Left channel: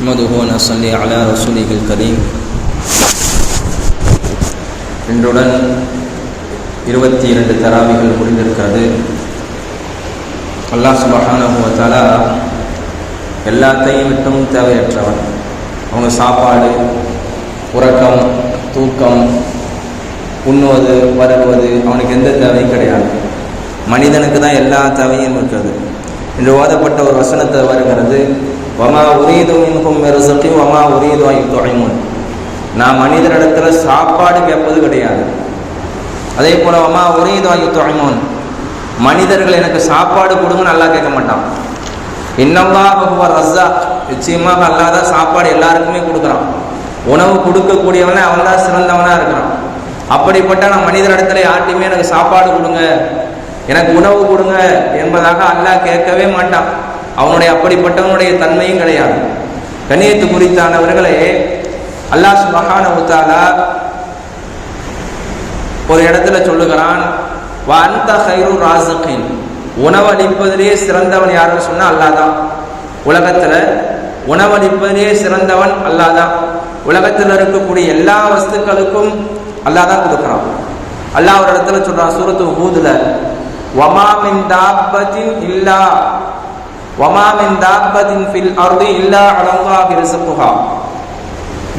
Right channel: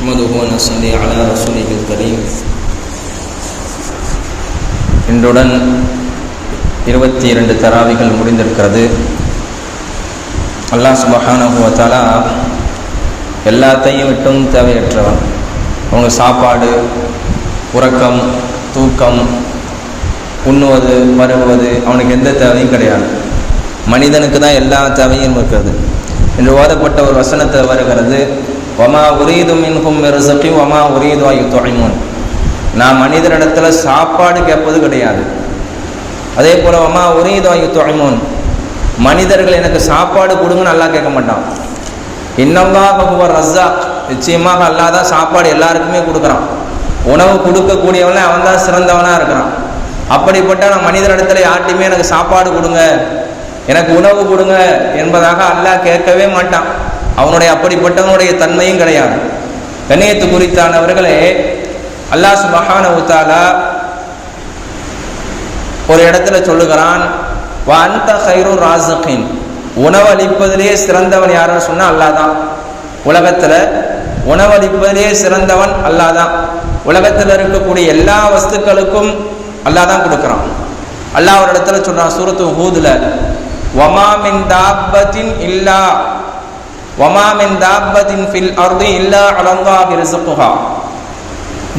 نحمده ونصلي على رسوله الكريم. இன்றுடன் 22 தராவிகள் முடிந்திருக்கிறது. அல்லாஹ் சுப்ஹானஹு வ தஆலா எல்லாத்தையும் விட்டும் தேவையற்றவன். அவங்க சாப்பாடு, உறக்கம், தூக்கம், உண்ணுவது, பருகுவது அவனுக்கு எந்த தேவையும் கிடையாது. மனிதனுக்கு தான் எல்லா தேவையும் இருக்கிறது. என்று ஓதப்பட்ட ஒரு வசனத்தை வருகிறது, வமா உரீது மின்ஹும் மின் ரிஸ்கி வமா உரீது அன் யுத்இமூன். நான் மனிதரிடத்தில் சாப்பாடு கேட்பது கிடையாது. அதே போல வமா உரீது அன் யுத்இமூன், மனிதர்கள் எனக்கு சாப்பாடு கொடுங்கன்னு அல்லாஹ் கேட்க மாட்டான். இன்னல்லாஹு ஹுவ ரஸாக், நிச்சயமாக அல்லாஹ் தான் சாப்பாடு எல்லாருக்குமே கொடுக்குறான். உணவு கொடுக்கக்கூடியவனே அவன் தான் சிறந்தவனா இருக்கிறான். அப்படிப்பட்ட நான் மனிதரிடத்துல யார்ட்டையுமே எனக்கு சாப்பாடு கொடுங்க, எனக்கு உணவு கொடுங்க என்பதாக அல்லாஹ் கேட்கவே மாட்டான். அவனுடைய அப்படிப்பட்டவனுடைய தன்மையும் கிடையாது. கண்ணியத்து குறித்தானவர்களே, அல்லாஹ் சுப்ஹானஹு வ தஆலா ஒரு இடத்துல சொல்லுகிறான், வ அன்த கைரு ராஸிகின், உணவளிப்பதிலே சிறந்தவன் யாருன்னு சொன்னா அல்லாஹ் தான். உலகத்துல உணவளிப்பதிலே சிறந்தவன் அல்லாஹ் தான். உலகத்தில் இருக்கக்கூடிய எல்லா வஸ்துக்களுக்கும் அல்லாஹ் தான் கொடுக்குறான். அல்லாஹ் ஒரு இடத்துல சொல்றான் சூரத்து ஹூதுல, வமா மின் தாப்பத்தின் இல்லா வமா மின் தாப்பத்தின் ஃபில் அர்தி இல்லா அலல்லாஹி ரிஸ்குஹா,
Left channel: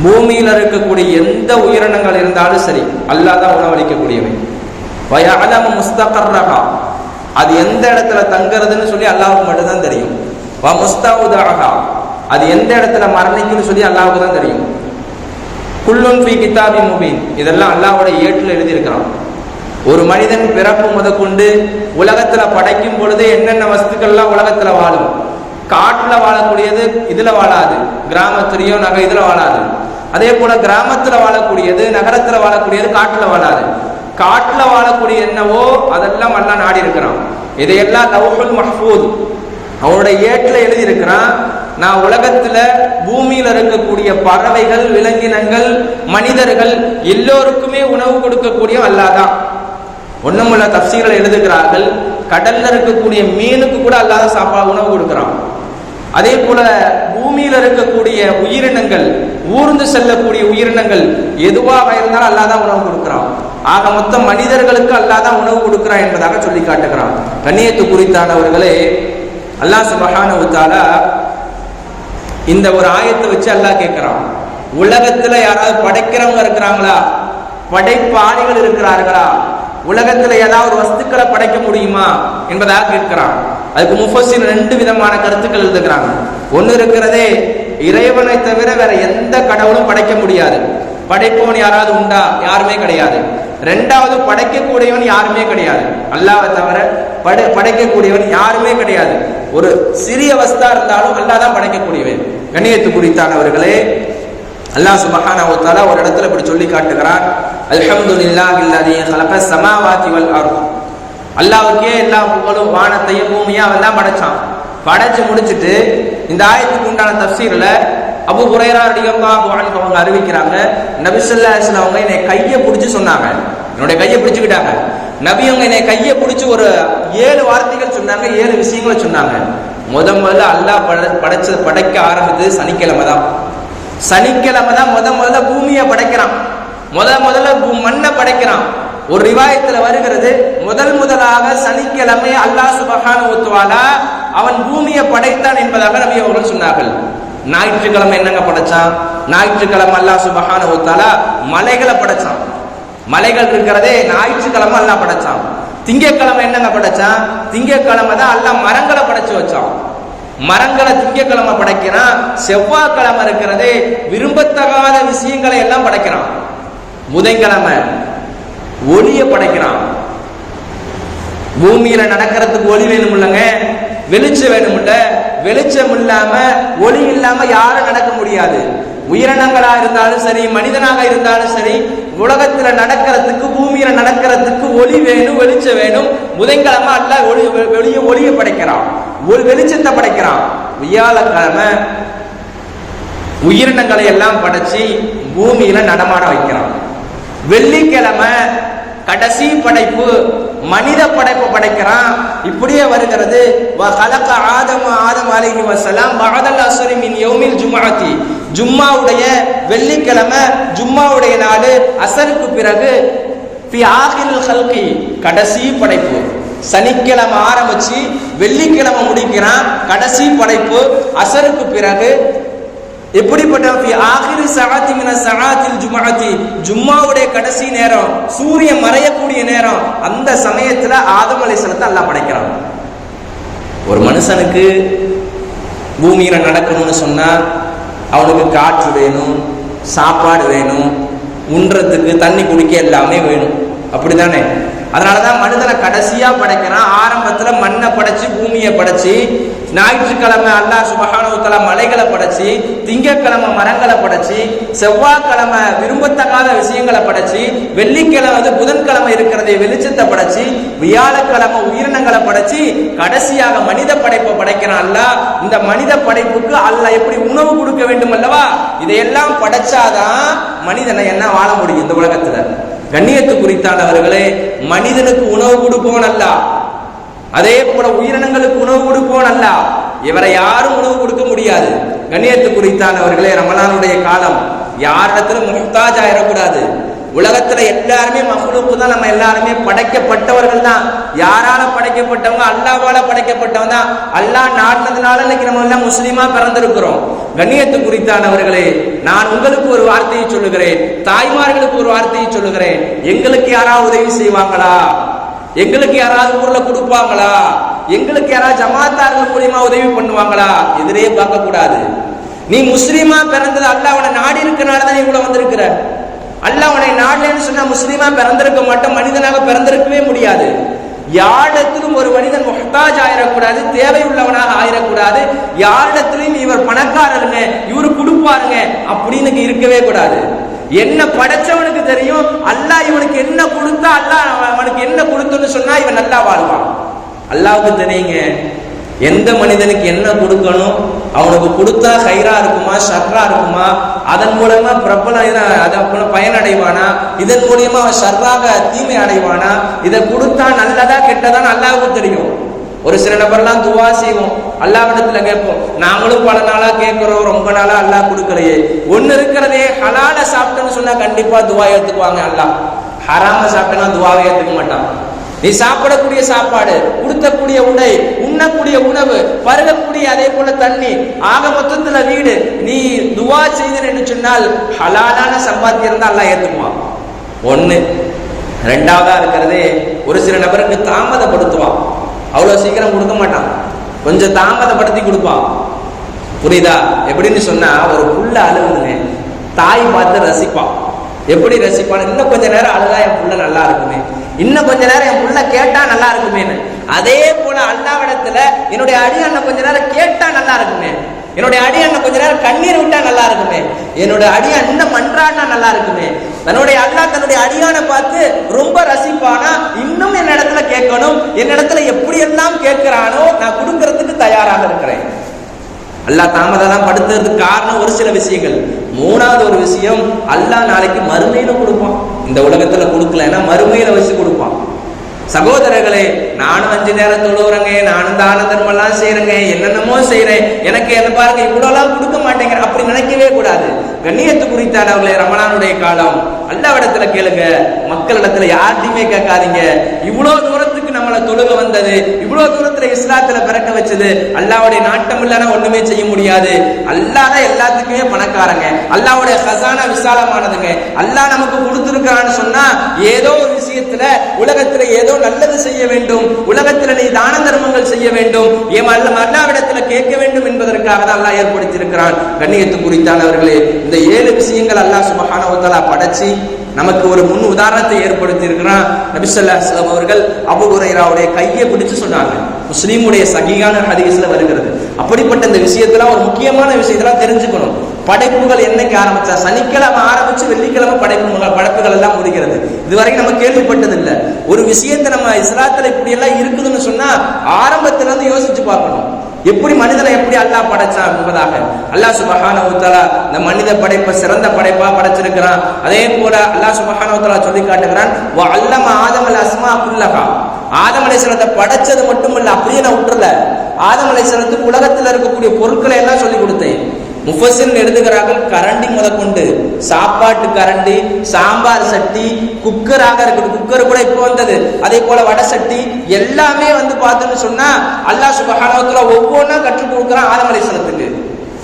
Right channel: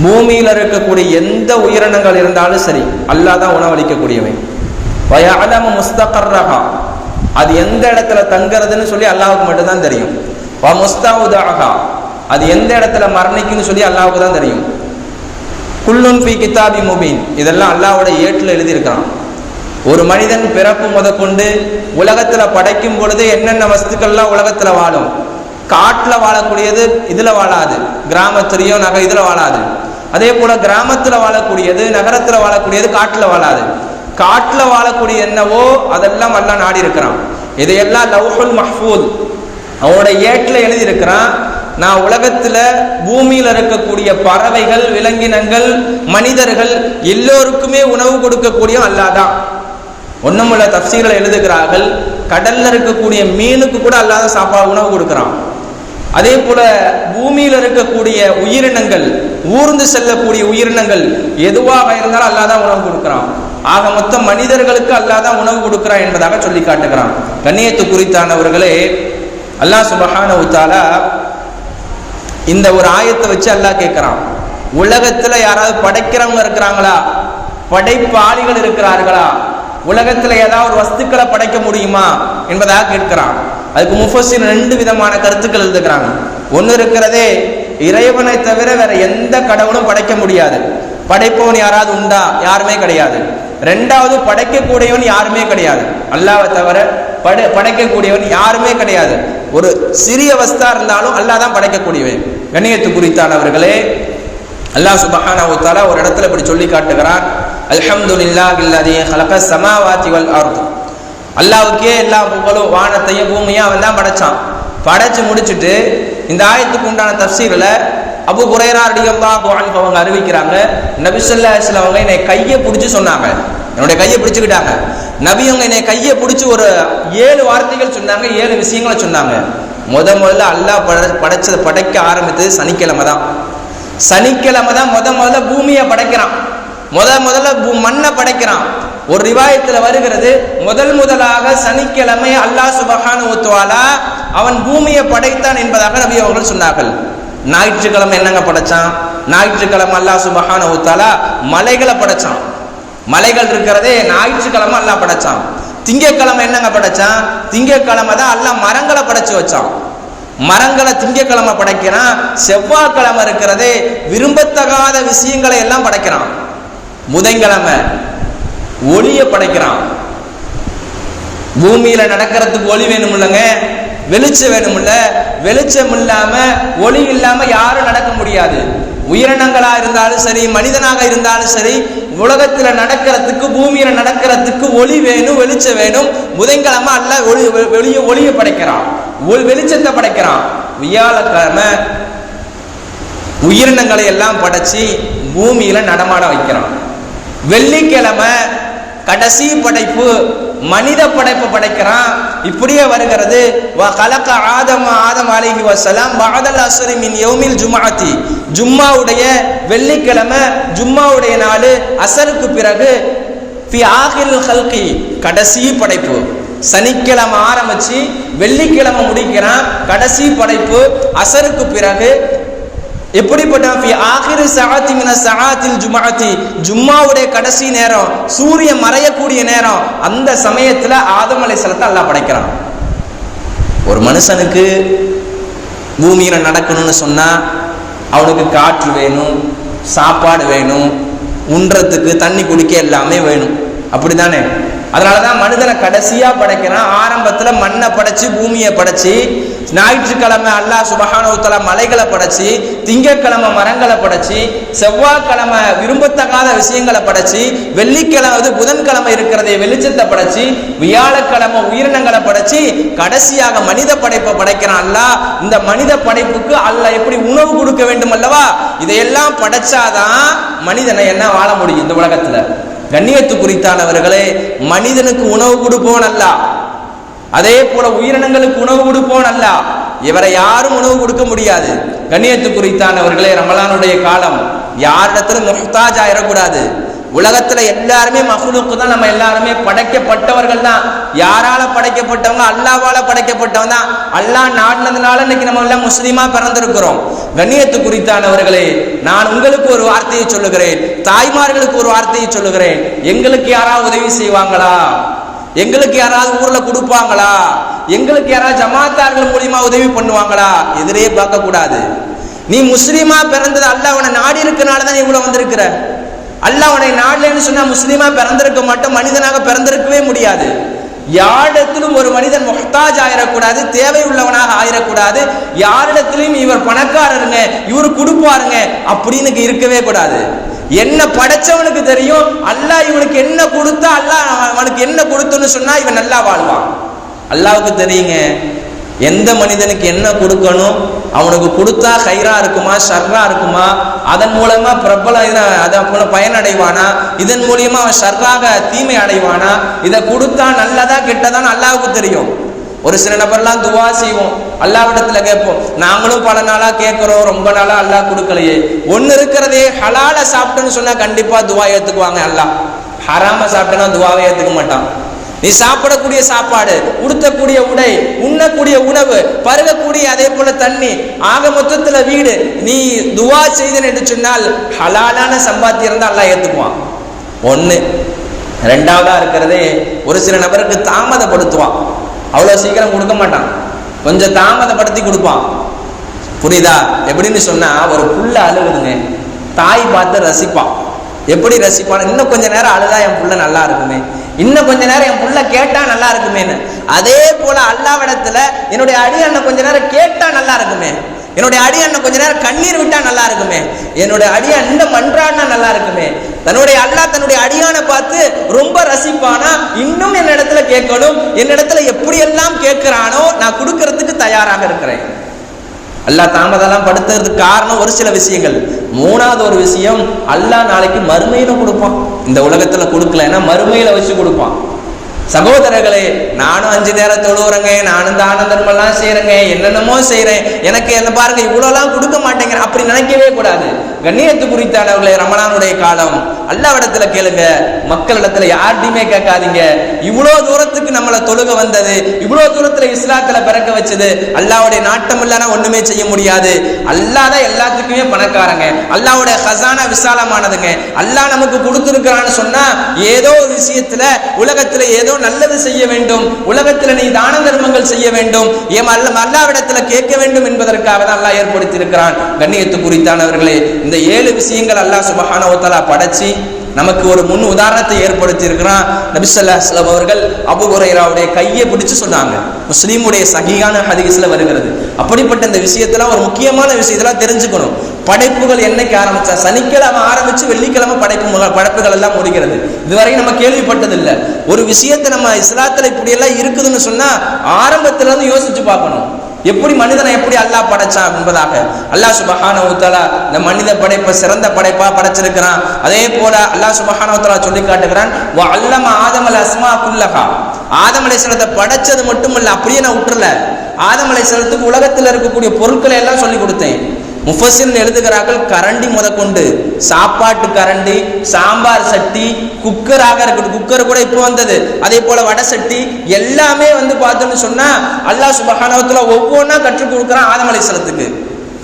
பூமியில் இருக்கக்கூடிய எந்த உயிரினங்கள் இருந்தாலும் சரி அல்லாஹ் தான் உணவளிக்கக்கூடியவை. வயஅலமு முஸ்தகர்ரஹா, அது எந்த இடத்துல தங்கிறதுன்னு சொல்லி அல்லாஹ்வுக்கு மட்டும் தான் தெரியும். வ முஸ்தௌதஹா, அது எந்த இடத்துல மரணிக்குன்னு சொல்லி அல்லாஹ்வுக்கு தான் தெரியும். குல்லுன் ஃபீ கிதாபி முபீன், இதெல்லாம் அல்லாஹ்வோட ஏட்டில் எழுதியிருக்கிறான். ஒரு மனிதன் பிறப்பு முதற்கொண்டு உலகத்துல படைக்கும் பொழுது என்னென்ன வஸ்துக்கள்லாம் உலகத்துல வாழும். காட்டுல வாழக்கூடியது இதுல வாழாது, கிராமத்திலேயோ இதுல வாழாது. அதே போல கிராமத்துல வாழக்கூடியது, நகரத்துல வாழக்கூடியது காட்டுல வாழாது. காட்டுல வாழக்கூடிய என்னவோ அதெல்லாம் அல்லாஹ் நாடி இருக்கிறான். இதையெல்லாம் லவ்ஹுல் மஹ்ஃபூஸ் அவனுடைய ஏட்டில் எழுதி இருக்கிறான். நான் உலகத்துல பூமியில இருக்கக்கூடிய பறவைகள், விலங்கினங்கள், மனிதர்கள் எல்லோருக்குமே உணவு கொடுக்கக்கூடிய அல்லாஹ் தான். ஒண்ணுமுள்ள தஃசீர்களை எழுதுகிறார்கள், கடல்ல இருக்கக்கூடிய மீனுக்கு கூட அல்லாஹ் சாப்பாடு உணவு கொடுக்கிறான். அதே போல பூமியில இருக்கக்கூடிய உயிரினங்கள், ஊர்ந்து செல்லக்கூடிய உயிரினங்கள் எதுவாக இருந்தாலும் அல்லாஹ் தான் உணவு கொடுக்கிறான். ஆக மொத்தம் மனிதர்களுக்கு அல்லாஹ் தான் உணவு கொடுக்கிறான் என்பதாக சொல்லி காட்டுகிறான். கண்ணியத்து குறித்தானவர்களே, அல்லாஹ் சுப்ஹானஹு வ தஆலா இந்த ஒரு ஆயத்தை வச்சு அல்லாஹ் கேட்கிறான், உலகத்துல யாராவது படைக்கிறவங்க இருக்கிறாங்களா, படைப்பாளிகள் இருக்கிறார்களா, உலகத்துல ஏதாவது வஸ்துக்களை படைக்க முடியுமா என்பதாக கேட்கிறான். அதுக்கு முஃபஸ்ஸிர் 2 விதமான கருத்துக்கள் எழுதுகிறாங்க. ஒன்னு இருக்கிறதே, இறைவனை தவிர வேற எந்த கடவுளும் படைக்க முடியாது. படைப்பவன் யாராவது உண்டா? யாருமே கிடையாது. ரெண்டாவது, படைக்கக்கூடியவன் யாருமே கிடையாது. அல்லாஹ்வை தவிர படைக்கக்கூடியவன் யாருமே கிடையாது. ஒரு சிறிய வஸ்தா இருந்தாலும் அல்லாஹ் தான் படைக்கக்கூடியவன். கண்ணியத்து குறித்தானவர்களே, அல்லாஹ் சுப்ஹானஹு வ தஆலா ஒரு இடத்துல இப்படி சொல்லி காட்டுகிறான், அல்ஹம்துலில்லாஹில்லதீ ஹலகஸ் ஸமாவாதி வல் அர்த், அல்லாஹ்வுக்கே எல்லா புகழும், வானத்தையும் பூமியை அவன் தான் படைச்சான். படைச்சு முடிச்சுட்டு இந்த ஆயத்துக்கு உண்டான தஃசீர்ல அபூ ஹுரைரா ரலியல்லாஹு அன்ஹு அவங்க அறிவிக்கிறாங்க, நபி ஸல்லல்லாஹு அலைஹி வஸல்லம் அவங்க என்னை கையை பிடிச்சு சொன்னாங்க, என்னுடைய கையை பிடிச்சுக்கிட்டாங்க. நபி அவங்க என்னை கையை பிடிச்சி ஒரு 7 வார்த்தைகள் சொன்னாங்க, 7 விஷயங்களை சொன்னாங்க. முதல்ல அல்லாஹ் படைக்க ஆரம்பித்தது சனிக்கிழமை தான். சனிக்கிழமை தான் முதல்ல பூமியை படைக்கிறான், முதல்ல மண்ணை படைக்கிறான். ஒரு ரிவாயத்துல வருகிறது, முதலாக சனிக்கிழமை அல்லாஹ் சுப்ஹானஹு வ தஆலா அவன் பூமியை படைத்தான் என்பதாக நபி அவர்கள் சொன்னார்கள். ஞாயிற்றுக்கிழமை என்னங்க படைச்சான்? ஞாயிற்றுக்கிழமை அல்லாஹ் சுப்ஹானஹு வ தஆலா மலைகளை படைச்சான். மலைகள் இருக்கிறதே ஞாயிற்றுக்கிழமை அல்லாஹ் படைச்சான். திங்கட்கிழமை என்னங்க படைச்சான்? திங்கட்கிழமை தான் அல்லாஹ் மரங்களை படைச்சு வச்சான். மரங்களை திங்கட்கிழமை படைக்கிறான். செவ்வாய்க்கிழமை இருக்கிறதே விரும்பத்தகாத விஷயங்களை எல்லாம் படைக்கிறான். புதன்கிழமை ஒளியை படைக்கிறான். பூமியில நடக்கிறதுக்கு ஒளி வேணும் இல்லைங்க, வெளிச்சம் வேணும் இல்ல. வெளிச்சம் இல்லாம, ஒளி இல்லாம யாரும் நடக்க முடியாது. உயிரினங்களா இருந்தாலும் சரி, மனிதனாக இருந்தாலும் சரி, உலகத்துல நடக்கிறதுக்கு, பூமியில நடக்கிறதுக்கு ஒளி வேணும், வெளிச்சம் வேணும். புதன்கிழமை அல்லாஹ் ஒளியை படைக்கிறான், வெளிச்சத்தை படைக்கிறான். வியாழக்கிழமை உயிரினங்களை எல்லாம் படைச்சு பூமியில நடமாட வைக்கிறான். வெள்ளிக்கிழமை கடைசி படைப்பு மனித படைப்பு படைக்கிறான். இப்படியே வருகிறது ஆதம் அலைஹி வஸலாம் பஅதல் அஸ்ரி மின் யௌமில் ஜும்ஆத்தி, ஜும்மாவுடைய வெள்ளிக்கிழமை, ஜும்மாவுடைய நாள் அசருக்கு பிறகு ஃபி ஆகில் ஹல்கி, கடைசி படைப்பு. சனிக்கிழமை ஆரம்பிச்சு வெள்ளிக்கிழமை முடிக்கிறான், கடைசி படைப்பு அசருக்கு பிறகு. எப்படிப்பட்ட ஜும்மாவுடைய கடைசி நேரம், சூரியன் மறையக்கூடிய நேரம், அந்த சமயத்துல ஆதம் அலைஹிஸ்ஸலாத்தை அல்லாஹ் படைக்கிறான். ஒரு மனுஷனுக்கு பூமியில நடக்கணும்னு சொன்னா அவனுக்கு காற்று வேணும், சாப்பாடு வேணும், உண்றதுக்கு தண்ணி குடிக்க எல்லாமே வேணும், அப்படித்தானே? அதனாலதான் மனிதனை கடைசியா படைக்கிறான். ஆரம்பத்துல மண்ணை படைச்சு பூமியை படைச்சு, ஞாயிற்றுக்கிழமை அல்லாஹ் சுப்ஹானஹு வ தஆலா மலைகளை படைச்சு, திங்கட்கிழமை மரங்களை படைச்சு, செவ்வாய்க்கிழமை விரும்பத்தகாத விஷயங்களை படைச்சு, வெள்ளிக்கிழமை புதன்கிழமை இருக்கிறதே வெளிச்சத்தை படைச்சு, வியாழக்கிழமை உயிரினங்களை படைச்சு, கடைசியாக மனித படைப்பை படைக்கிறான் அல்லாஹ். இந்த மனித படைப்புக்கு அல்லாஹ் எப்படி உணவு கொடுக்க வேண்டும் அல்லவா? இதையெல்லாம் படைச்சாதான் மனிதனை என்ன வாழ முடியும் இந்த உலகத்துல. கண்ணியத்து குறித்தானவர்களே, மனிதனுக்கு உணவு கொடுப்போன் அல்ல, அதே போல உயிரினங்களுக்கு உணவு கொடுப்போன் அல்ல. இவரை யாரும் உணவு கொடுக்க முடியாது. கண்ணியத்து குறித்தானவர்களே, ரமலானுடைய காலம், யாரிடத்திலும் முஹ்தாஜ் ஆயிடக்கூடாது. உலகத்துல எல்லாருமே மஹ்லூக்கு தான், நம்ம எல்லாருமே படைக்கப்பட்டவர்கள் தான். யாரால படைக்கப்பட்டவங்க? அல்லாஹ்வால படைக்கப்பட்டவங்க தான். அல்லாஹ் நாடினதுனால இன்னைக்கு நம்ம எல்லாம் முஸ்லீமா பிறந்திருக்கிறோம். கண்ணியத்து குறித்தானவர்களே, நான் உங்களுக்கு ஒரு வார்த்தையை சொல்லுகிறேன், தாய்மார்களுக்கு ஒரு வார்த்தையை சொல்லுகிறேன். எங்களுக்கு யாராவது உதவி செய்வாங்களா? எங்களுக்கு யாராவது பொருளை கொடுப்பாங்களா? எங்களுக்கு யாராவது ஜமாத்தார்கள் மூலியமா உதவி பண்ணுவாங்களா? எதிரே பார்க்க கூடாது. நீ முஸ்லீமா பிறந்தது அல்லாஹ் உன்னை நாடி இருக்கனாலதான் நீ இவ்வளவு வந்திருக்கிற. அல்லாஹ் உன்னை நாடலன்னு சொன்னா முஸ்லீமா பிறந்திருக்க மாட்டோம், மனிதனாக பிறந்திருக்கவே முடியாது. யாரிடத்திலும் ஒரு மனிதன் முஹ்தாஜ் ஆயிடக்கூடாது, தேவை உள்ளவனாக ஆயிடக்கூடாது. யாரிடத்திலும் இவர் பணக்காரருங்க, இவர் கொடுப்பாருங்க அப்படின்னு இருக்கவே கூடாது. என்ன படைச்சவனுக்கு தெரியும், அல்லாஹ் இவனுக்கு என்ன கொடுத்தா, அல்லாஹ் அவனுக்கு என்ன கொடுத்துன்னு சொன்னா இவன் நல்லா வாழ்வான். அல்லாஹ்வுக்கு தெரியுங்க எந்த மனிதனுக்கு என்ன கொடுக்கணும், அவனுக்கு கொடுத்தா ஹைரா இருக்குமா ஷர்ரா இருக்குமா, அதன் மூலமா அதன் போல பயனடைவானா, இதன் மூலியமா அவன் ஷர்ராக தீமை அடைவானா, இதை கொடுத்தா நல்லதா கெட்டதான்னு அல்லாஹ்வுக்கு தெரியும். ஒரு சில நபர்லாம் துவா செய்வோம், அல்லாஹ்விடத்துல கேட்போம். நாமளும் பல நாளா கேட்கிறோம், ரொம்ப நாளா அல்லாஹ் கொடுக்கலையே. ஒன்னு இருக்கிறதே, ஹலால சாப்பிட்டேன்னு சொன்னா கண்டிப்பா துவா ஏத்துக்குவாங்க அல்லாஹ். ஹராம சாப்பிட்டா துவாவை ஏத்துக்க மாட்டான். நீ சாப்பிடக்கூடிய சாப்பாடு, உடுத்தக்கூடிய உடை, உண்ணக்கூடிய உணவு, பருகக்கூடிய அதே போல தண்ணி, ஆக மொத்தத்துல வீடு, நீ துவா செய்தன்னு என்று சொன்னால் ஹலாலான சம்பாத்தியம் இருந்தா அல்லாஹ் ஏத்துக்குவான். ஒண்ணு. ரெண்டாவதா இருக்கிறதே, ஒரு சில நபருக்கு தாமதப்படுத்துவான், அவ்வளவு சீக்கிரம் கொடுக்க மாட்டான், கொஞ்சம் தாமதப்படுத்தி கொடுப்பான். புரியுதா? எப்படின்னு சொன்னா, ஒரு புள்ள அழுகுதுங்க, தாய் பார்த்து ரசிப்பான். எப்படி ரசிப்பான்? இன்னும் கொஞ்ச நேரம் அழுதா என் புள்ள நல்லா இருக்குமே, இன்னும் கொஞ்ச நேரம் என் புள்ள கேட்டா நல்லா இருக்குமே. அதே போல அல்லாஹ்விடத்துல என்னுடைய அடியானை கொஞ்ச நேரம் கேட்டா நல்லா இருக்குமே, என்னுடைய அடியானை கொஞ்ச நேரம் கண்ணீர் விட்டா நல்லா இருக்குமே, என்னுடைய அடியான் இன்னும் மன்றாடினா நல்லா இருக்குமே. தன்னுடைய அல்லாஹ் தன்னுடைய அடியானை பார்த்து ரொம்ப ரசிப்பானா, இன்னும் என்னிடத்துல கேட்கணும், என்னிடத்துல எப்படியெல்லாம் கேட்கிறானோ நான் கொடுக்கறதுக்கு தயாராக இருக்கிறேன். அல்லாஹ் தாமதம் படுத்துறதுக்கு காரணம் ஒரு சில விஷயங்கள். மூணாவது ஒரு விஷயம், அல்லாஹ் நாளைக்கு மறுமையில கொடுப்பான். இந்த உலகத்துல கொடுக்கலன்னா மறுமையில வச்சு கொடுப்பான். சகோதரர்களே, நானும் 5 நேரம் தொழுவுறேங்க, நானும் தான தர்மம்லாம் செய்யறேங்க, என்னென்னமோ செய்யறேன், எனக்கு என்ன பாருங்க இவ்வளோலாம் கொடுக்க மாட்டேங்கிறேன் அப்படி நினைக்கவே கூடாது. கண்ணியத்து குறித்தானவர்களே, ரமலானுடைய காலம், அல்லாஹ்விடத்துல கேளுங்க, மக்களிடத்துல யார்ட்டையுமே கேட்காதீங்க. இவ்வளோ தூரத்துக்கு நம்மளை தொழுக வந்தது, இவ்வளோ தூரத்துல இஸ்லாத்துல பிறக்க வச்சது அல்லாஹ்வுடைய நாட்டம் இல்லைன்னா ஒண்ணுமே செய்ய முடியாது. அல்லாஹ் தான் எல்லாத்துக்குமே பணக்காரங்க, அல்லாஹ்வுடைய ஹசானா விசாலமானதுங்க. அல்லாஹ் நமக்கு கொடுத்துருக்கிறான்னு சொன்னா ஏதோ ஒரு விஷயத்துல உலகத்துல ஏதோ நல்லது செய்ய வேண்டும், உலகத்துல நீ தான தர்மங்கள் செய்ய வேண்டும், அல்லாஹ்விடத்துல கேட்க வேண்டும் என்பதற்காக தான் அல்லாஹ் ஏற்படுத்தி இருக்கிறான். கண்ணியத்து குறித்தானவர்களே, இந்த 7 விஷயங்கள் அல்லாஹ் சுப்ஹானஹு வ தஆலா படைச்சி நமக்கு ஒரு முன் உதாரணத்தை ஏற்படுத்தி இருக்கிறான். நபி ஸல்லல்லாஹு அலைஹி வஸல்லம் அவர்கள் அபூ ஹுரைராவுடைய கையை பிடிச்சு சொன்னாங்க. முஸ்லிமுடைய சஹீஹான ஹதீஸ்ல வருகிறது. அப்படிப்பட்ட இந்த விஷயத்துல ஒரு முக்கியமான விஷயத்துல தெரிஞ்சுக்கணும். படைப்புகள் என்னைக்கு ஆரம்பிச்சா? சனிக்கிழமை ஆரம்பிச்சு வெள்ளிக்கிழமை படைப்புகள் எல்லாம் முடிகிறது. இதுவரை நம்ம கேள்விப்பட்டது இல்லை. ஒரு விஷயத்தை நம்ம இஸ்லாத்துல இப்படி எல்லாம் இருக்குதுன்னு சொன்னா ஆரம்பத்துல இருந்து யோசிச்சு பார்க்கணும். எப்படி மனிதனை எப்படி அல்லாஹ் படைச்சான் என்பதாக. அல்லாஹ் சுப்ஹானஹு வ தஆலா இந்த மனித படைப்பை சிறந்த படைப்பா படைச்சிருக்கிறான். அதே போல அல்லாஹ் சுப்ஹானஹு வ தஆலா சொல்லி காட்டுகிறான், வ அல்லம ஆதமல் அஸ்மா குல்லஹா, ஆதம் அலைஹிஸ்ஸலாத்தை படைச்சது மட்டும் இல்ல, அப்படியே நான் விட்டுறல. ஆதம் அலைஹிஸ்ஸலாத்துக்கு உலகத்தில் இருக்கக்கூடிய பொருட்களை எல்லாம் சொல்லி கொடுத்தேன். முஃபஸ்ஸிர் எழுதுகிறார்கள், கரண்டி முதற்கொண்டு, சாப்பாட்டு கரண்டி, சாம்பார் சட்டி, குக்கராக இருக்குது, குக்கர் கூட இப்போ வந்தது, அதே போல வடை சட்டி எல்லாமே பார்த்தோன்னு சொன்னா அல்லாஹ் சுப்ஹானஹு வ தஆலா ஒவ்வொன்றா கற்றுக் கொடுக்குறான் ஆதம் அலைஹிஸ்ஸலாத்துக்கு.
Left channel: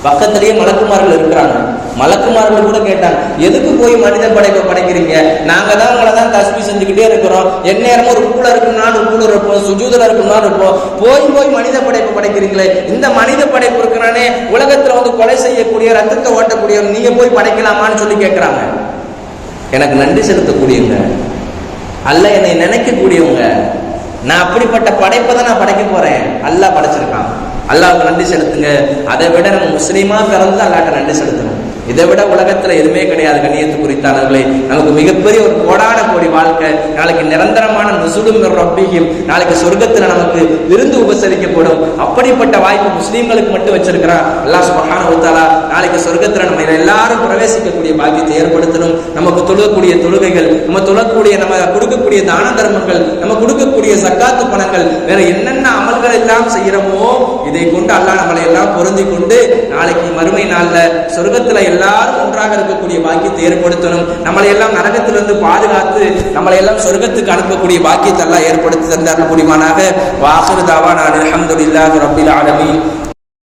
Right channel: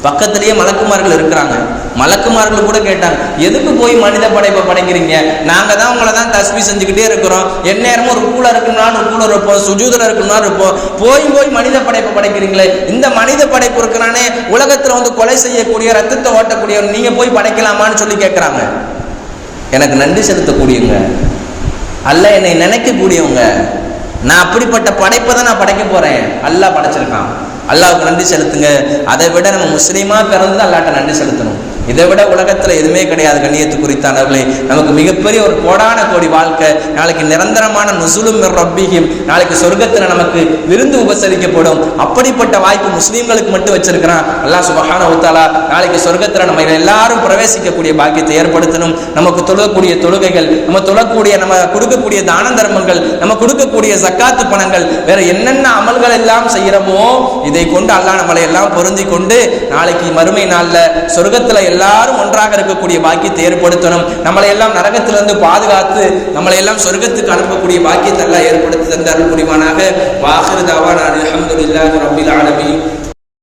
பக்கத்திலேயே மலக்குமார்கள் இருக்கிறாங்க. மலக்குமார்கள் கூட கேட்டாங்க, எதுக்கு போய் மனித படைப்பை படைக்கிறீங்க? நாங்க தான் உங்களை தான் தஸ்பீ செஞ்சுக்கிட்டே இருக்கிறோம், எந்நேரமும் ருக்குல இருக்கணும்னாலும் ருக்குல இருப்போம், சுஜூதுல இருக்கணும்னா இருப்போம், போய் மனித படைப்பு படைக்கிறீங்களே, இந்த மனித படைப்பு இருக்கிறானே உலகத்துல கொலை செய்யக்கூடிய, ரத்தத்தை ஓட்டக்கூடிய, நீங்க போய் படைக்கலாமான்னு சொல்லி கேட்கிறாங்க. எனக்கு நன்றி செலுத்தக்கூடியவங்க அல்ல, என்னை நினைக்கக்கூடியவங்க, நான் அப்படிப்பட்ட படைப்பை தான் நான் படைக்க போறேன். அல்லாஹ் படைச்சிருக்கான், அல்லாஹ்வுக்கு நன்றி செலுத்துங்க. அதை விட நம்ம முஸ்லீமா பிறந்து அல்லாஹ்ட்ட நன்றி செலுத்தணும். இதை விட உலகத்துல எதுவுமே கிடையாது. கண்ணியத்து குறித்தானவர்களே, நமக்கு மிகப்பெரிய ஒரு கோடான கோடி வாழ்க்கை, நாளைக்கு நிரந்தரமான நுசுலும் ரப்பிஹிம், நாளைக்கு சொர்க்கத்துல நமக்கு விருந்து உபசரிக்கப்படும். அப்படிப்பட்ட வாய்ப்பு முஸ்லீம்களுக்கு மட்டும் வச்சிருக்கிறான் அல்லாஹ் சுப்ஹானஹு வ தஆலா. நாளைக்கு சொர்க்கத்துல நம்ம எல்லாரும் பிரவேசிக்கக்கூடிய பாக்கியத்தை ஏற்படுத்தணும். நமக்கு தொழக்கூடிய தொழுகைகள், நம்ம தொழக்கூடிய, நம்ம கொடுக்கக்கூடிய தான தர்மங்கள், நம்ம கொடுக்கக்கூடிய ஜக்காத்து பணங்கள், வேற என்னென்ன அமல்கள் எல்லாம் செய்யறோமோ இதை கொண்டு அல்லாஹ் நம்மளை எல்லாம் பொருந்தி கொண்டு நாளைக்கு மறுமை நாள்ல சொர்க்கத்துல எல்லாரும் ஒன்றாக இருக்கக்கூடிய பாக்கியத்தை ஏற்படுத்தணும். நம்மளை எல்லாம் நரகத்திலிருந்து பாதுகாத்து நம்மளை எல்லாம் சொர்க்கத்துக்கு அனுப்பக்கூடிய பாக்கியத்தை எல்லாம் ஏற்படுத்தி தந்தார் புரிவானாக. வாஹிரு தாவானா அல்ஹம்துலில்லாஹி ரப்பில் ஆலமீன்.